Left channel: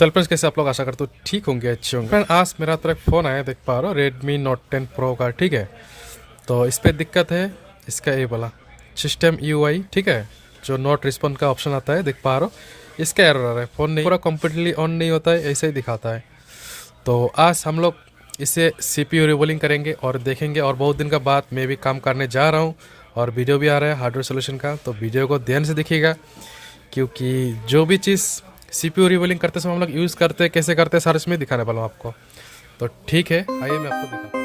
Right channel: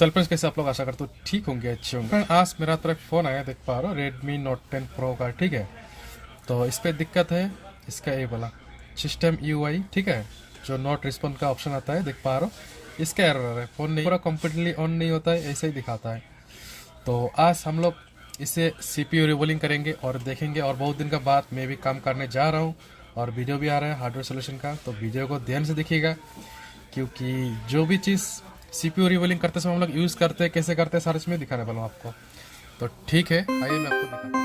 चल फ्रेंड्स, कैसे आप लोग? आशा करते हो ठीक होंगे, अच्छे होंगे। फ्रेंड, आज मेरा तरफ फ़ोन आया, देख पा रहे हो, Redmi Note 10 Pro का। ठीक है, तो इस पर दिक्कत है, इसका ये बोला सिस्टम UI, ठीक है, जो नॉट रिस्पॉन्ड का ऑप्शन आता है, देख पा रहे हो, इसका एरर है। फ़ोन नहीं पूरा कम्प्लीटली ऑन नहीं होता है, ऐसे ही दिखाता है। तो आज हम लोग इसे CPU रिवोलिंग करेंगे और देखेंगे। और बहुत दिन का बाद मैं भी काम करने जा रहा हूँ और वीडियो भी आ रहा है हार्डवेयर सोल्यूशन का, तो वीडियो को ध्यान से देखिएगा, क्योंकि जो भी चीज़ CPU रिवोलिंग करते समय हम लोग यूज़ करते हैं, कैसे करते हैं, सारे इसमें दिखाने वाला हूँ आपको। तो ठीक है, आइए मैं आपको दिखाता हूँ।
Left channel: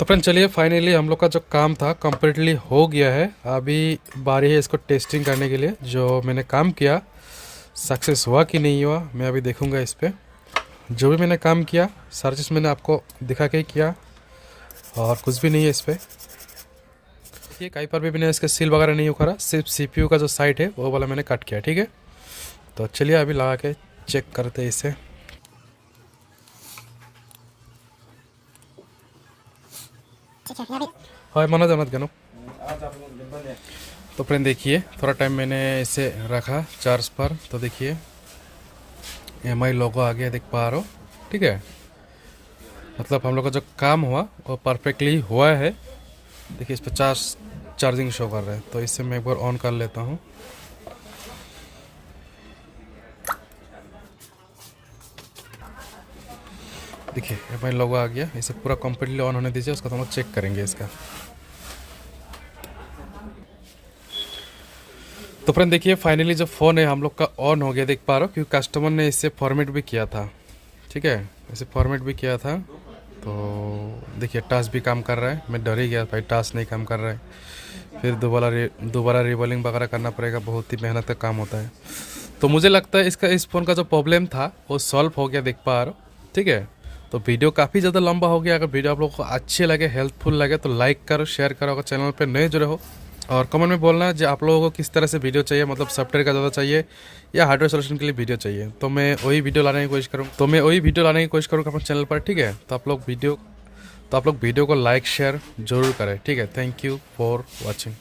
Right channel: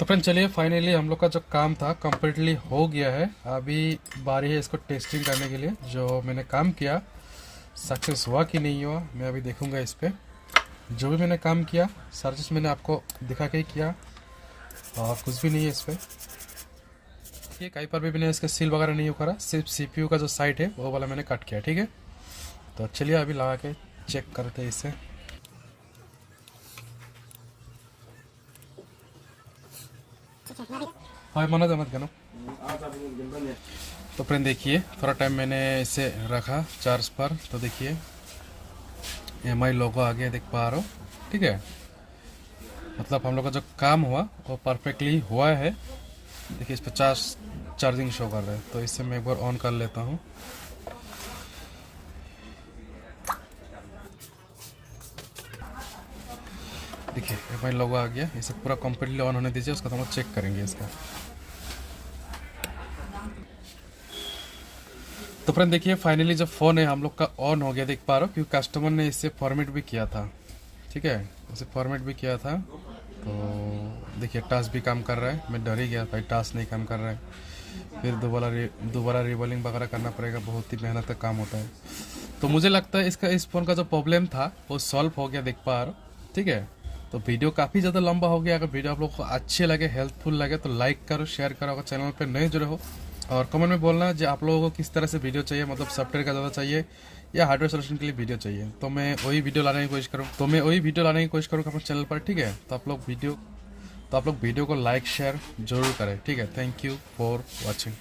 तो फ्रेंड चलिए फाइनली हम लोग का जो काम था कम्प्लीटली हो गया है। अभी बारी है इसको टेस्टिंग करने के लिए। जो मैंने काम किया सक्सेस हुआ कि नहीं हुआ मैं अभी देखूंगा इस पर। जो भी मैंने काम किया सारा चीज़ मैंने आपको दिखा के किया और कुछ भी नहीं है इस पर। ये कहीं पर भी मैंने इसका सील वगैरह नहीं उखाड़ा, सिर्फ सीपीयू का जो साइड है वो वाला मैंने कट किया। ठीक है, तो चलिए अभी लगा के चेक करते हैं इसे। हाँ मना जाना गनो। तो फ्रेंड देखिए थोड़ा टाइम मैंने इसे रखा चार्ज पर, तो देखिए एमआई लोगो आ गया, देख पा रहा हो। ठीक है, मतलब हम लोग का जो काम हुआ वो परफेक्टली हुआ है। देखिए इस पर चार्जिंग शो कर रहा है, तो इससे मैं एक बार ऑन कर लेता हूँ। देखिए एमआई लोगो आ गया, इसे पूरा कंप्लीटली ऑन होने दीजिए, उसका तो हम चेक करेंगे इसका। तो फ्रेंड देखिए फाइनली जो फ़ोन है हम लोग का ऑन हो गया, देख पा रहे हो, क्योंकि कस्टमर ने इसे फॉर्मेट भी किया था। ठीक है, इसे फॉर्मेट भी किया था। तो देखिए टास्क भी काम कर रहा है। मैं डर ही गया भाई टास्क नहीं काम कर रहा है, फिर दोबारा रिबलिंग वगैरह करना पड़ेगा, बहुत ही मेहनत का काम होता है। तो मुझे लगता है इस फ़ोन का जो प्रॉब्लम था वो सॉल्व हो गया, देख पा रहे हो। ठीक है, तो वीडियो काफ़ी ज़्यादा लंबा हो गया। अगर वीडियो आप लोगों को अच्छे लगे, हेल्पफुल लगे तो लाइक करो, शेयर करो। अगर चैनल पर नए जुड़े हो और कमेंट में बोलना है जो आप लोगों को किस तरह से वीडियो चाहिए, मतलब सॉफ्टवेयर का ज़्यादा चाहिए या हार्डवेयर सोल्यूशन के लिए वीडियो चाहिए, तो मैं वही वीडियो लाने की कोशिश करूँगा अपने चैनल पर। ठीक है, तो आप लोग वीडियो को लाइक शेयर जरूर करें। ठीक है, थैंक यू फॉर वॉचिंग।